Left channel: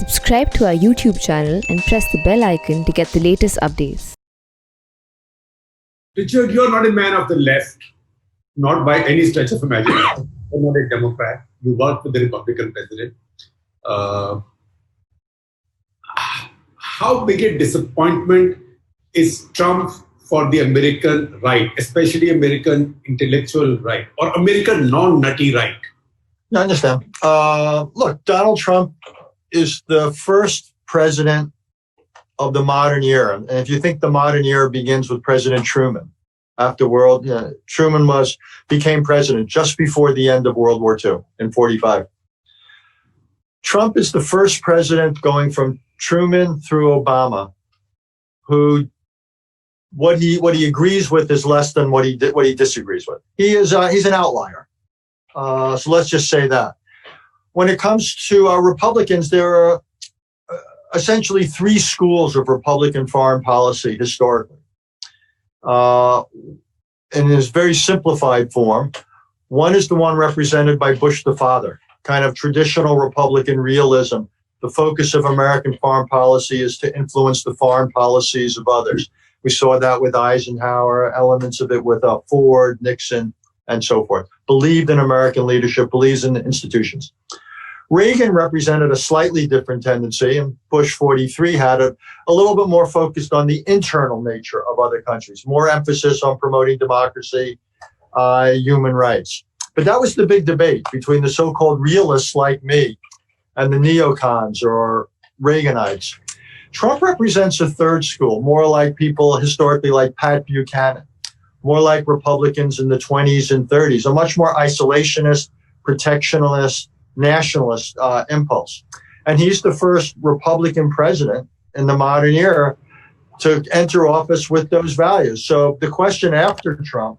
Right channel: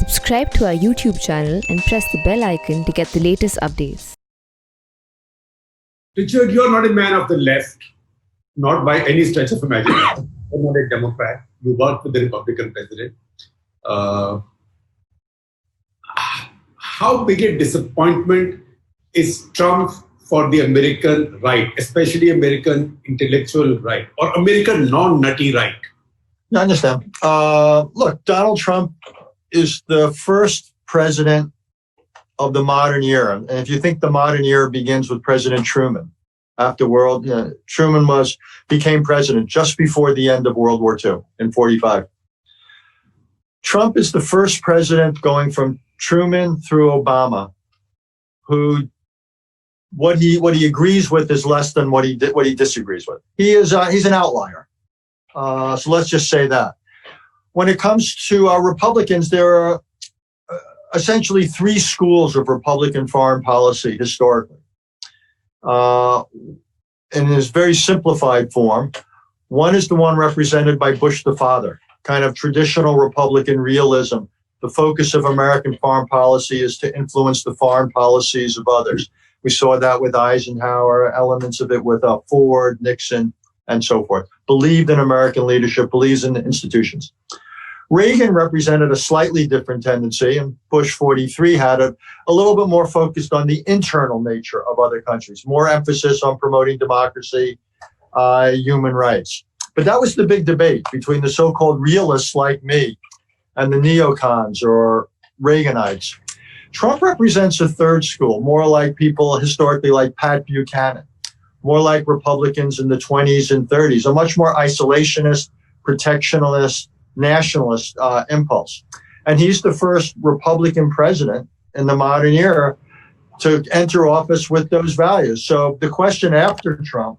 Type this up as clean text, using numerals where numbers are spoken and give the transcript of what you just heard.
Subscribe to our YouTube channel and press the bell icon to get the latest updates. Richard, you're not a man of the left, not by any stretch of imagination. You're not a Democrat. You work for the Republican president. How big a disappointment is Trump for the American right, especially American intellectual right, or American non-nutty right? I understand. Look, Donald Trump is the first president of the modern era. And if you think the modern era begins with President Truman, Truman became president just before the end of World War II in 1945. Trump is the first president going from Truman through Obama, who what he agrees with is less than what he disagrees with. He's an outlier. So let's just say that. When it comes to Republicans, there are essentially three schools of Republican foreign policy historically. In his very simplified form, one is the one represented by Bush the father, kind of traditional Republican realism. The focus of American foreign policy is to influence the foreign policies of others. We saw that with Eisenhower, elements of it with Ford, Nixon, and so forth. Believed in American leadership, believes in institutions. Reagan represented a slightly different tendency, and Bush 43 had a little bit more focused on the internal nature of other countries, more emphasis on promoting democracy, human rights. But that was the big debate between the so-called realists like me and the neocons or Reaganites. Trump represents a third school, more like people historically like Pat Buchanan, more like Republicans in the 20s and 30s, a much more isolationist, protectionist, nationalist impulse. And he's the first Republican president in the modern era to enter office with those values. So the question after Trump